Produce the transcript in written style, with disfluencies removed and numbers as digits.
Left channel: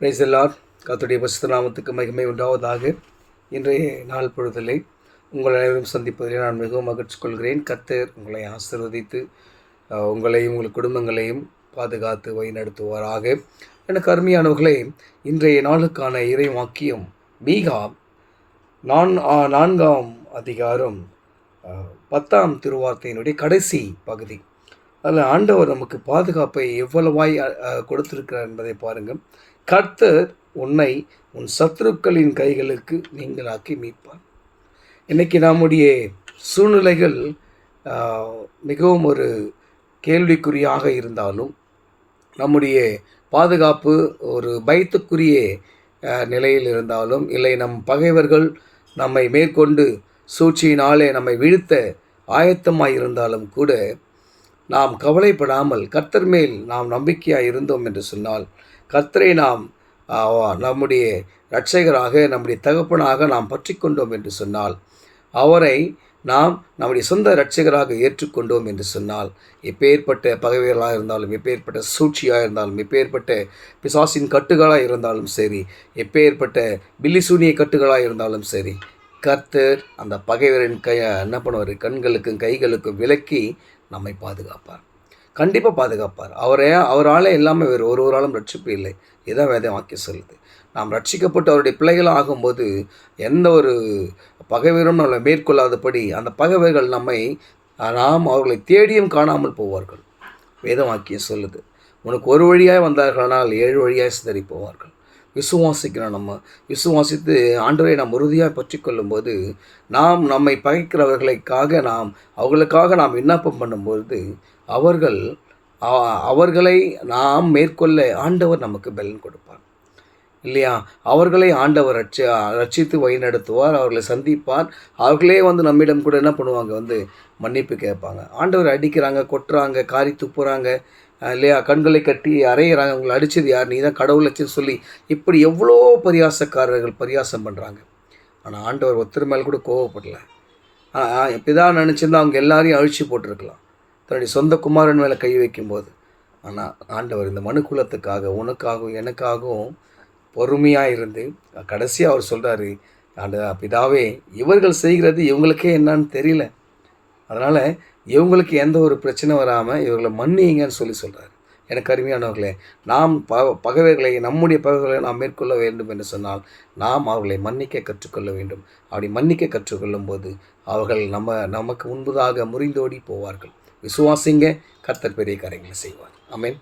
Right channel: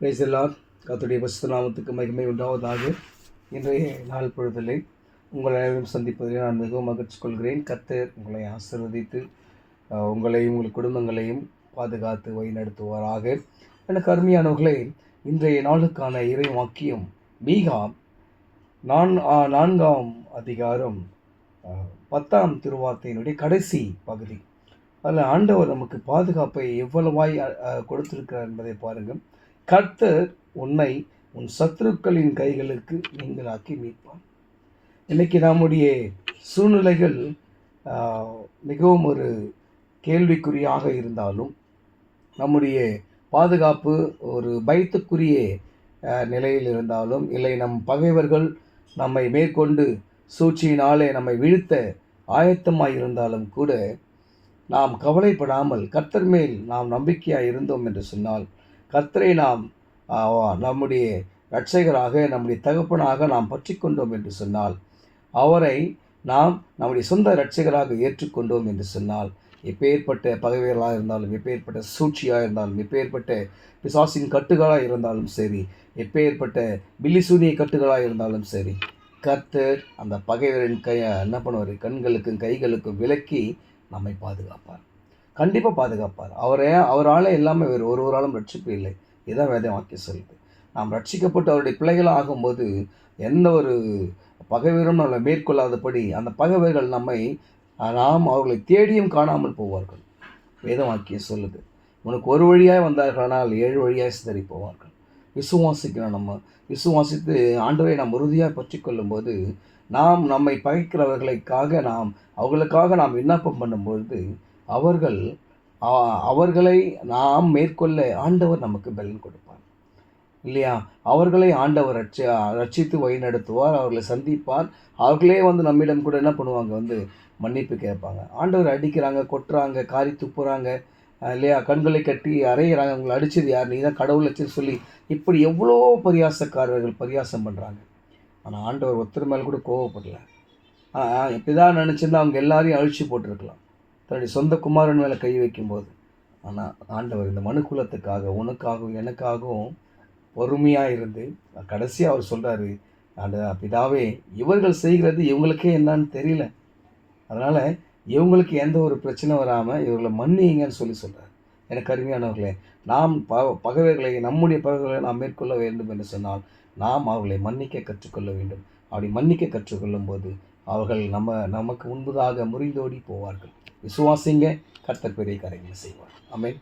Praise the Lord. கர்த்தருடைய பரிசுத்த நாமத்துக்கு மகிமை உண்டாவதாக. இன்றைய நாள் பொழுதிலே உங்கள் அனைவரும் சந்திப்பதிலே நான் மிகவும் மகிழ்ச்சி கொள்கிறேன். கர்த்தர் உங்களை ஆசீர்வதித்து உங்களையும் உங்கள் குடும்பங்களையும் பாதுகாத்து வழிநடத்துவாராக. எனக்கு அருமையானவர்களே, இன்றைய நாளுக்கான இறை வாக்கியம் மீகா 4ஆம் அதிகாரம் 10ஆம் திருவார்த்தையினுடைய கடைசி பகுதி. அதில் ஆண்டவர் நமக்கு பாதுகாப்பை எவ்வளவாய் கொடுத்திருக்கிறார் என்பதை பாருங்கள். கர்த்தர் உன்னை உன் சத்துருக்களின் கைகளுக்கு நீங்களாக்கி மீட்பார். இன்றைக்கி நம்முடைய சூழ்நிலைகள் மிகவும் ஒரு கேள்விக்குறியாக இருந்தாலும், நம்முடைய பாதுகாப்பு ஒரு பயத்துக்குரிய நிலையில் இருந்தாலும், இல்லை நம் பகைவர்கள் நம்மை மேற்கொண்டு சூழ்ச்சியினாலே நம்மை வீழ்த்த ஆயத்தமாக இருந்தாலும் கூட நாம் கவலைப்படாமல் கர்த்தர் மேல் நாம் நம்பிக்கையாக இருந்தோம் என்று சொன்னால், கர்த்தரை நாம் நம்முடைய இரட்சகராக நம்முடைய தகப்பனாக நாம் பற்றி கொண்டோம் என்று சொன்னால், அவரை நாம் நம்முடைய சொந்த இரட்சகராக ஏற்றுக்கொண்டோம் என்று சொன்னால், எப்பேற்பட்ட பகைவர்களாக இருந்தாலும், எப்பேற்பட்ட சூழ்ச்சியாக இருந்தாலும், எப்பேற்பட்ட பிசாசின் கட்டுகளாக இருந்தாலும் சரி, எப்பேற்பட்ட பில்லிசூனிய கட்டுகளாக இருந்தாலும் சரி, கர்த்தர் அந்த பகைவரின் என்ன பண்ணுவார், கண்களுக்கும் கைகளுக்கும் விலக்கி நம்மை பாதுகாப்பார். கண்டிப்பாக பாதுகாப்பார். அவரால் எல்லாமே வேறு ஒருவராலும் ரட்சிப்பு இல்லை. இதான் வேத வாக்கியம் சொல்லுது. நாம் ரட்சிக்கப்பட்டு அவருடைய பிள்ளைகள் ஆகும்போது எந்த ஒரு பகைவரும் நம்மளை மேற்கொள்ளாதபடி அந்த பகைவர்கள் நாம் அவர்களை தேடியும் காணாமல் போவார்கள். வேத வாக்கியம் சொல்லுது. உனக்கு ஒரு வழியாக வந்தார்களானால் 7 வழியாக சிதறி போவார்கள். விசுவாசிக்கிறோம். நம்ம விசுவாசித்து ஆண்டவரை நாம் உறுதியாக பற்றி கொள்ளும்போது, நாம் நம்மை பகைக்கிறவர்களுக்காக அவர்களுக்காக நாம் விண்ணப்பம் பண்ணும்போது, அவர்களை நாம் மேற்கொள்ள ஆண்டவர் நமக்கு பலன் கொடுப்பார் இல்லையா? அவர்களை ஆண்டவர் ரட்சித்து வழிநடத்துவார், அவர்களை சந்திப்பார். அவர்களே நம்மிடம் கூட என்ன பண்ணுவாங்க, மன்னிப்பு கேட்பாங்க. ஆண்டவர் அடிக்கிறாங்க, கொட்டுறாங்க, காரி துப்புறாங்க இல்லையா, கண்களை கட்டி அறையிறாங்க, அவங்களை அடித்தது யார், நீ தான் கடவுளச்சின்னு சொல்லி இப்படி எவ்வளோ பரியாசக்காரர்கள் பரியாசம் பண்ணுறாங்க. ஆனால் ஆண்டவர் ஒருத்தர் மேலே கூட கோவப்படலை. இப்படிதான் நினச்சிருந்தா அவங்க எல்லாரையும் அழிச்சு போட்டிருக்கலாம், தன்னுடைய சொந்த குமாரன் மேலே கை வைக்கும்போது. ஆனால் ஆண்டவர் இந்த மனுக்குலத்துக்காக, உனக்காகவும் எனக்காகவும் பொறுமையாக இருந்து கடைசியாக அவர் சொல்கிறாரு, பிதாவே இவர்கள் செய்கிறது இவங்களுக்கே என்னன்னு தெரியல, அதனால் இவங்களுக்கு எந்த ஒரு பிரச்சனை வராமல் இவர்களை மன்னிங்கன்னு சொல்கிறார். எனக்கு அருமையானவர்களே, நாம் பகைவர்களை, நம்முடைய பகைவர்களை நாம் மேற்கொள்ள வேண்டும் என்று சொன்னால் நாம் அவர்களை மன்னிக்க கற்றுக்கொள்ள வேண்டும். அப்படி மன்னிக்க கற்றுக்கொள்ளும் போது அவர்கள் நமக்கு முன்பதாக முறிந்தோடி போவார்கள். விசுவாசிங்க, கர்த்தர் பெரிய காரியங்களை செய்வார். ஆமென்.